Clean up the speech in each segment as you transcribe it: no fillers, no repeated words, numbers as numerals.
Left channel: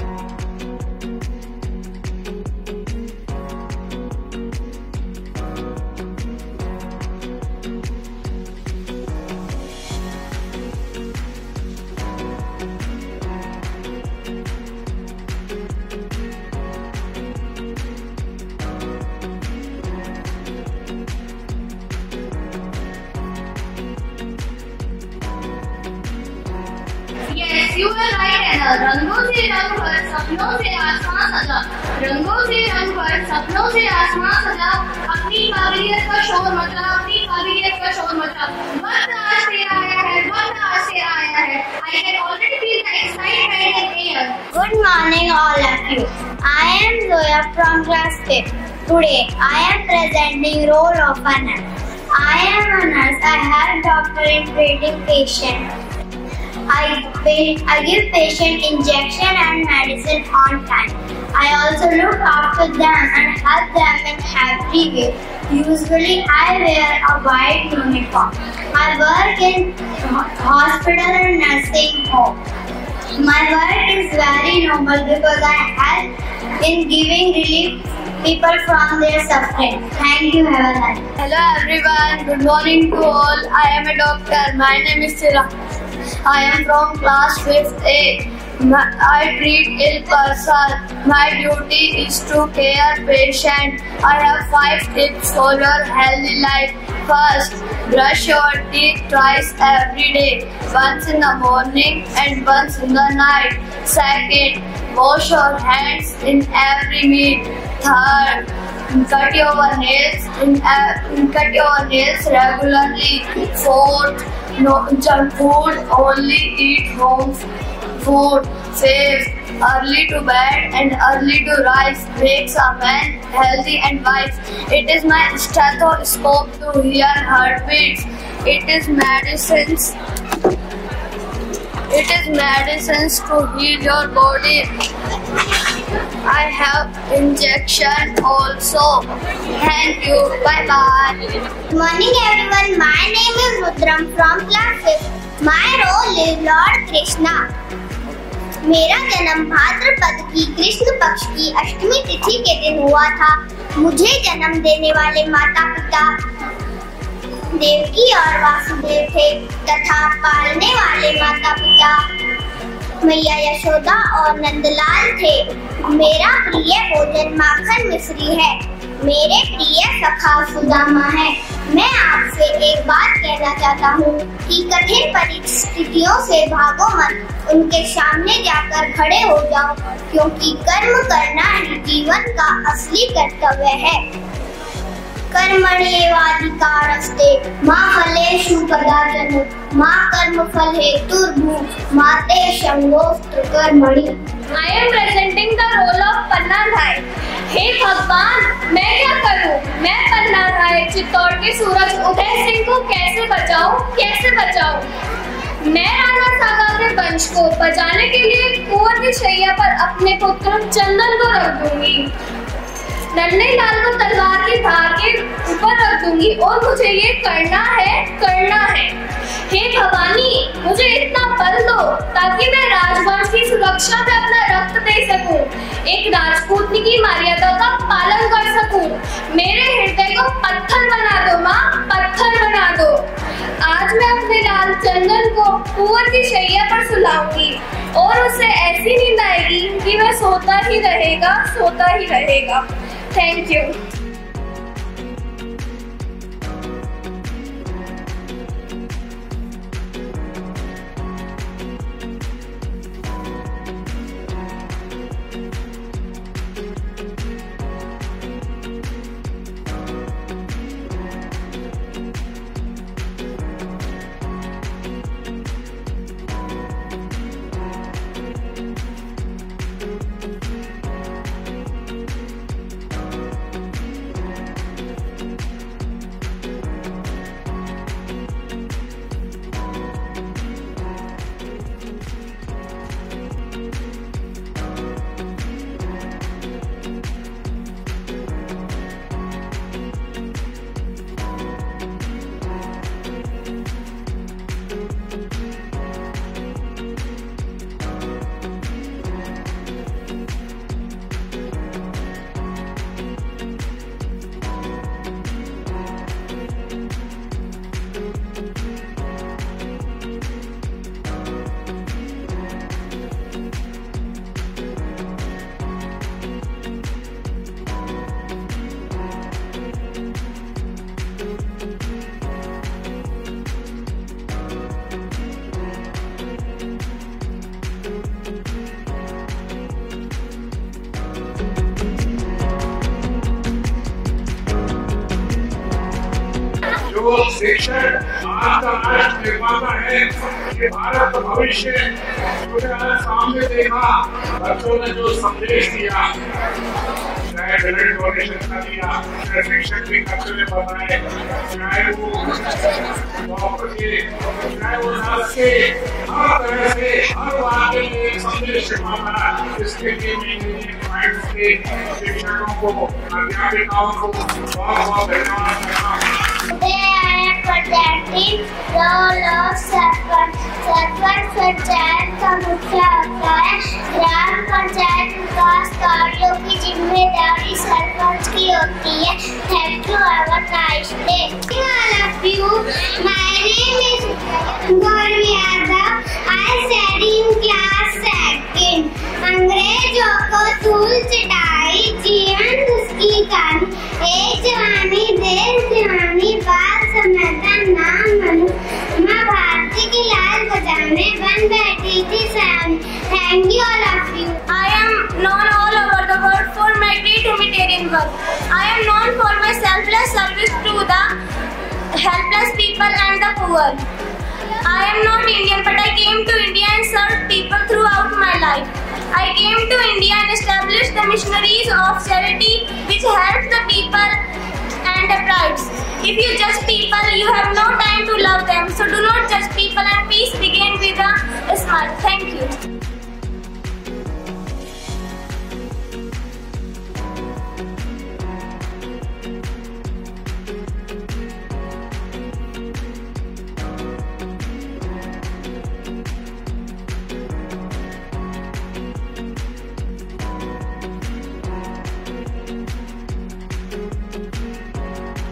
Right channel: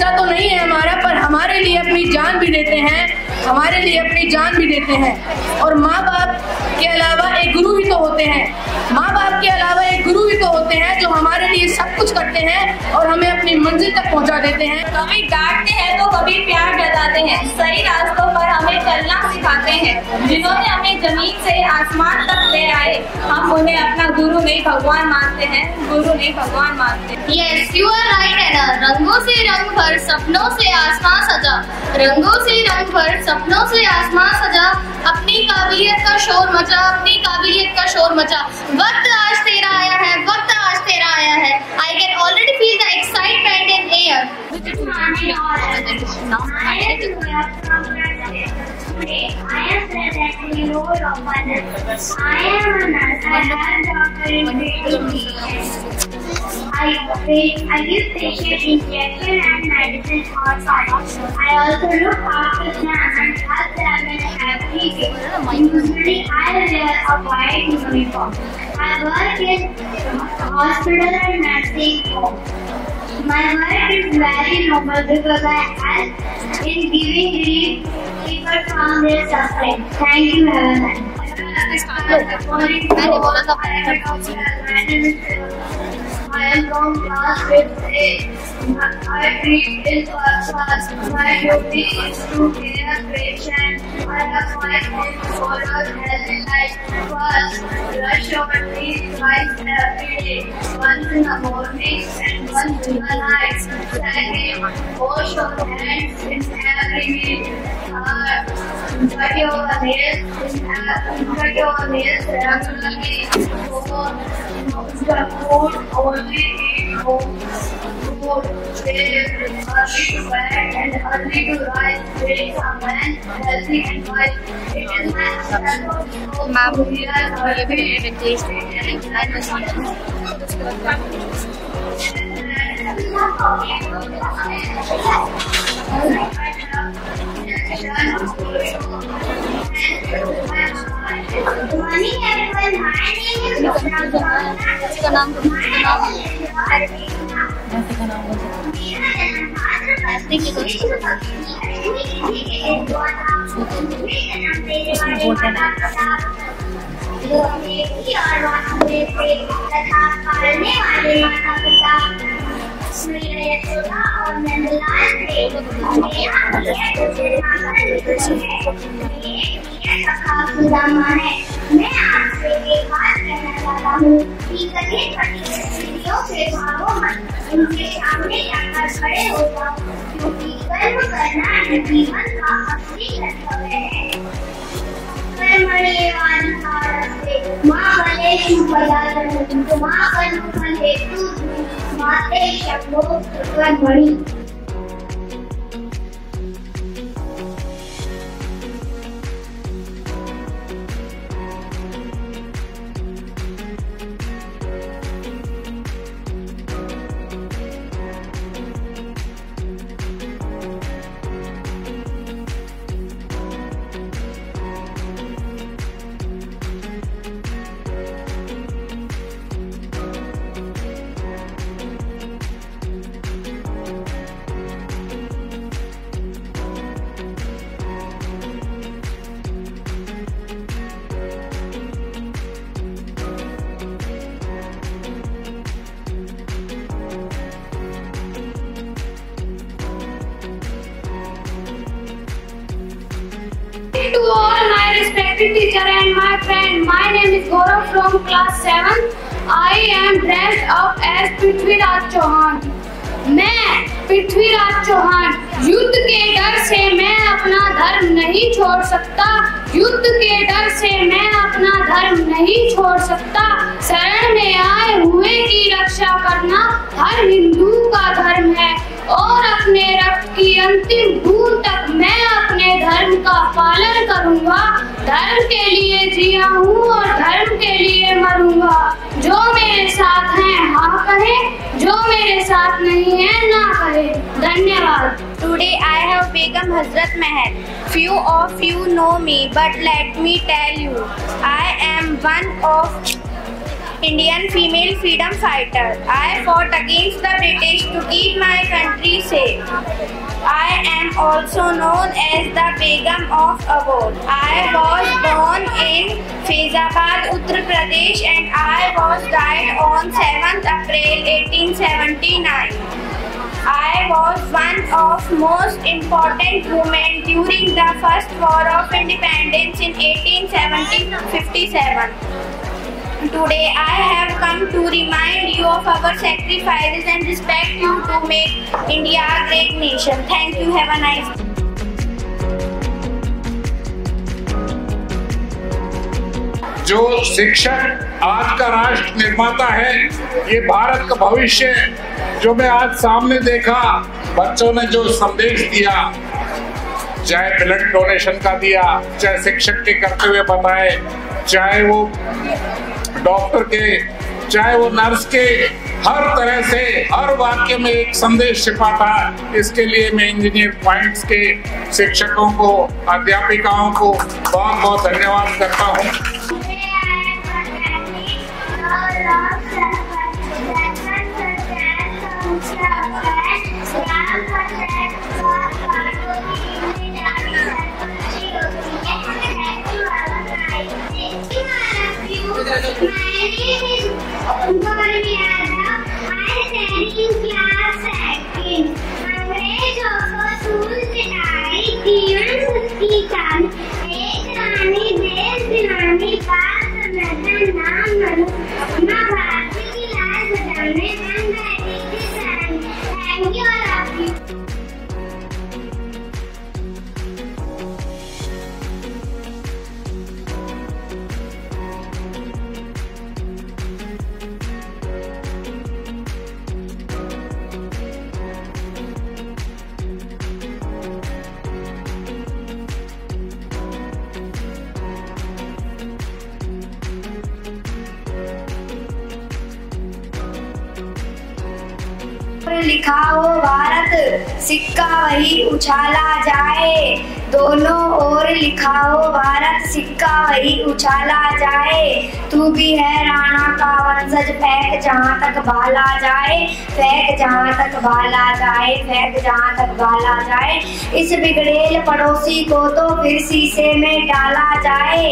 हिस्सा तो नहीं है हमारा, पर हमारे लिए अपनी जान भी देते हैं, हमारे लिए अपनी जान भी देते हैं। और माँ बाप के अलावा एक गुरु भी तो होते हैं, माँ बाप के अलावा एक गुरु भी तो होते हैं जो हमारे लिए सब कुछ करते हैं और हमें अपनी मंजिल तक पहुँचा देते हैं। कभी डांटते हैं तो कभी प्यार जताते हैं, सही रास्तों पर हमें चलना सिखाते हैं। जिन्होंने हमें जमीन से आसमान तक ले आए, हम उन्हें अपना गुरु नहीं भगवान मानते हैं, गुरु नहीं भगवान मानते हैं। Yes, you are right, Anna. रंगों से रंग भर सपनों से आसमां सजा, रंगों से रंग भर सपनों से आसमां सजा, अपनी काबिलियत का शोर मचा, अपनी काबिलियत का शोर मचा। वक्त आज तेरा आया है, वक्त आज तेरा आया है। I can already feel the excitement in the air. Good morning, all of you. I am Zoya from class 5. Today, I am presenting role of a nurse. I am a nurse. I have doctor in treating patients. I give patient injection and medicine on time. I also look after them and help them in every way. Usually, I wear a white uniform. I work in hospital and nursing home. My work is very noble because I help in giving relief people from their suffering. Thank you, have a nice day. Hello everyone, good morning to all. I am a doctor. My name is Sila. I am from class 5th A. I treat ill persons. My duty is to care patient. I have 5 tips for your healthy life. First, brush your teeth twice every day, once in the morning and once in the night. Second, wash your hands in every meal. Third, cut your nails regularly. Fourth, no junk food, only eat home food. Fifth, early to bed and early to rise makes a man healthy and wise. It is my stethoscope to hear heartbeats. It is medicines. It is medicines to heal your body. I have injection also. Thank you. Bye bye. Good morning, everyone. My name is Vikram from class 6. My role is Lord Krishna. मेरा जन्म भाद्रपद कृष्ण पक्ष की अष्टमी तिथि के दिन हुआ था। मुझे जन्म देने वाले माता पिता देवकी और वासुदेव थे तथा पालने वाले माता पिता मैया यशोदा और नंदलाल थे। मेरा प्रिय भोजन माखन मिश्री है। मेरे प्रिय सखा सुदामा है। मैं आपसे एक बात कहना चाहता हूँ कि कठिन परिस्थितियों से भागो मत, उनके सामने जाकर खड़े हो जाओ, क्योंकि कर्म करना ही जीवन का असली कर्तव्य है। कर्मण्येवाधिकारस्ते मा फलेषु कदाचन मा कर्मफल हेतुर्भूः मा ते संगोऽस्त्र कर्मणि। I am presenting the role of पन्ना भाई। हे भगवान, मैं क्या करूं? मैं पन्ना भाई चित्तौड़ के सूरज उदय सिंह को कैसे बचाऊं? कैसे बचाऊं? मैं राणा सागा के वंश को बचाने के लिए कुंवर की शैया पर अपने पुत्र चंदन को रख दूंगी। नन्हे लाल को तलवार की धार के ऊपर रख दूंगी और मुझे ये करना है, करना है। हे भवानी, मुझे इतना बल दो ताकि मैं राजवंश की सुरक्षा में अपना रक्त दे सकूं, एक राजपूतनी की मर्यादा का पालन कर सकूं। मेरे हृदय को पत्थर बना दो माँ, पत्थर बना दो। आज मैं अपने लाल चंदन को कुंवर की शैया पर सुलाऊंगी और उसे ऐसी नींद आएगी कि वह सोता ही रहेगा, सोता ही रहेगा। Thank you. To all my respected teacher and my friend, my name is Gaurav from class 7. I am dressed up as Prithviraj Chauhan. मैं पृथ्वीराज चौहान युद्ध के डर से मैं अपना धर्म नहीं छोड़ सकता, युद्ध के डर से मैं अपना धर्म नहीं छोड़ सकता। शरण में आए हुए की रक्षा करना हर हिंदू का धर्म है और अपने रक्त की अंतिम बूंद तक मैं अपने धर्म का पालन करूंगा। धर्म के लिए जिया हूँ और धर्म के लिए मरूंगा। जो मेरे साथ हैं हाँ कहे, जो मेरे साथ नहीं है ना कहे। धन्यवाद। Today I have Begum Hazrat Mahal. Few of you know me, but let me tell you, I am one of Indian female freedom fighter. I fought against the British to keep my country safe. I am also known as the Begum of Abod. I was born in Faizabad, Uttar Pradesh, and I was died on 7th April 1879. I was one of most important women during the First War of Independence in 1857. Today I have come to remind you of our sacrifices and respect you to make India a great nation. Thank you. Have a nice day. जो शिक्षक आज का राष्ट्र निर्माता है, ये भारत का भविष्य, जो मैं आज सामने देखा, बच्चों ने जो संदेश दिया, चाहे ब्लड डोनेशन का दिया, चाहे शिक्षक के करते हुए बताए, चाहे वो डॉक्टर के, चाहे वो नर्स के, हर तरह से हर वाक्य में एक संदेश छिपा था। इसके लिए मैं इंजीनियर पॉइंट्स के शिक्षकों को, अध्यापिकाओं को बहुत बहुत धन्यवाद करता हूँ। सरपंच पंचायत का मुख्य होता है। ग्राम पंचायत विकास कार्यों की जिम्मेदारी सरपंच की होती है। Thank you, have a nice day. My name is Gauri Yadav. I study in class 2nd. अंग्रेजों को धूल चटाई, जीवन उसकी कान, एक जवानी देश दीवानी, बात समझता नाम मनू, माँ भारती की लाल बजाने बन बैठी थी सान। Thank you, all of you. I am known all over the world for my great humanitarian work. I am known for my selfless service to the helpless people and the poor. I am not Indian, but I came to India and served people throughout my life. I came to India and established the missionaries of charity which help the people and the tribes. If you judge people, you have no time to love them. So do not judge people and peace begin with a smile. Thank you. लिखा हो भारत, सिक्का वही उछाला जाए। दोनों ओर लिखा हो भारत, सिक्का वही उछाला जाए। तू भी है राणा का वंशज, फेंक जहाँ तक भाला जाए, फेंक जहाँ तक भाला जाए, फेंक जहाँ तक भाला जाए। इस बिगड़ेल पड़ोसी को तो फिर शीशे में डाला जाए,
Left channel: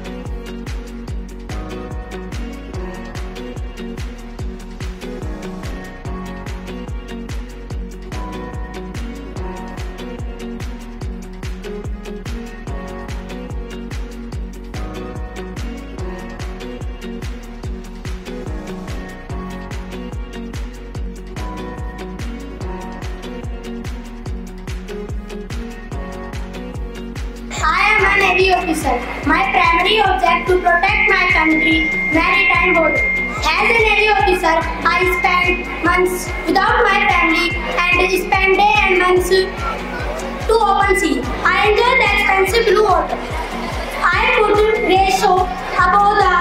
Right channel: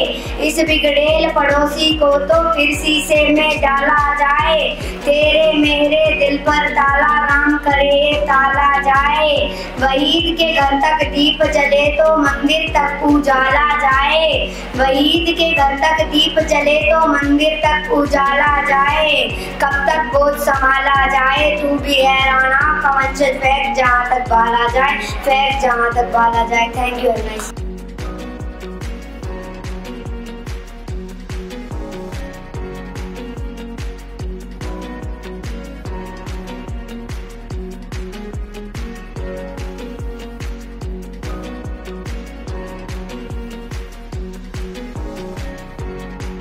इस बिगड़ेल पड़ोसी को तो फिर शीशे में डाला जाए। तेरे मेरे दिल पर ताला राम करे ताला जाए। वहीद के घर तक दीप जले तो मंदिर तक उजाला जाए, वहीद के घर तक दीप जले तो मंदिर तक उजाला जाए। कब तक बोझ संभाला जाए, तू भी है राणा का वंशज, फेंक जहाँ तक भाला जाए, फेंक जहाँ तक भाला जाए। Thank you. I am a Navy officer. My primary object to protect my country, maritime border. As a Navy officer, I spent months without my family and spent days and months to open sea. I enjoy the expensive blue water. I put ratio above the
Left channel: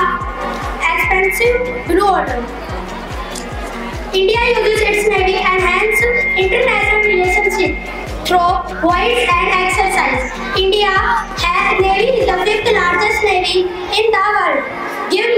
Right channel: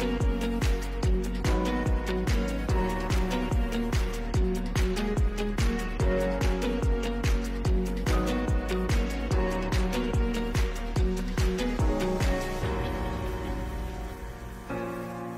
expensive blue water. India uses its Navy to enhance international relationship through voice and exercise. India has Navy is the 5th largest Navy in the world. Give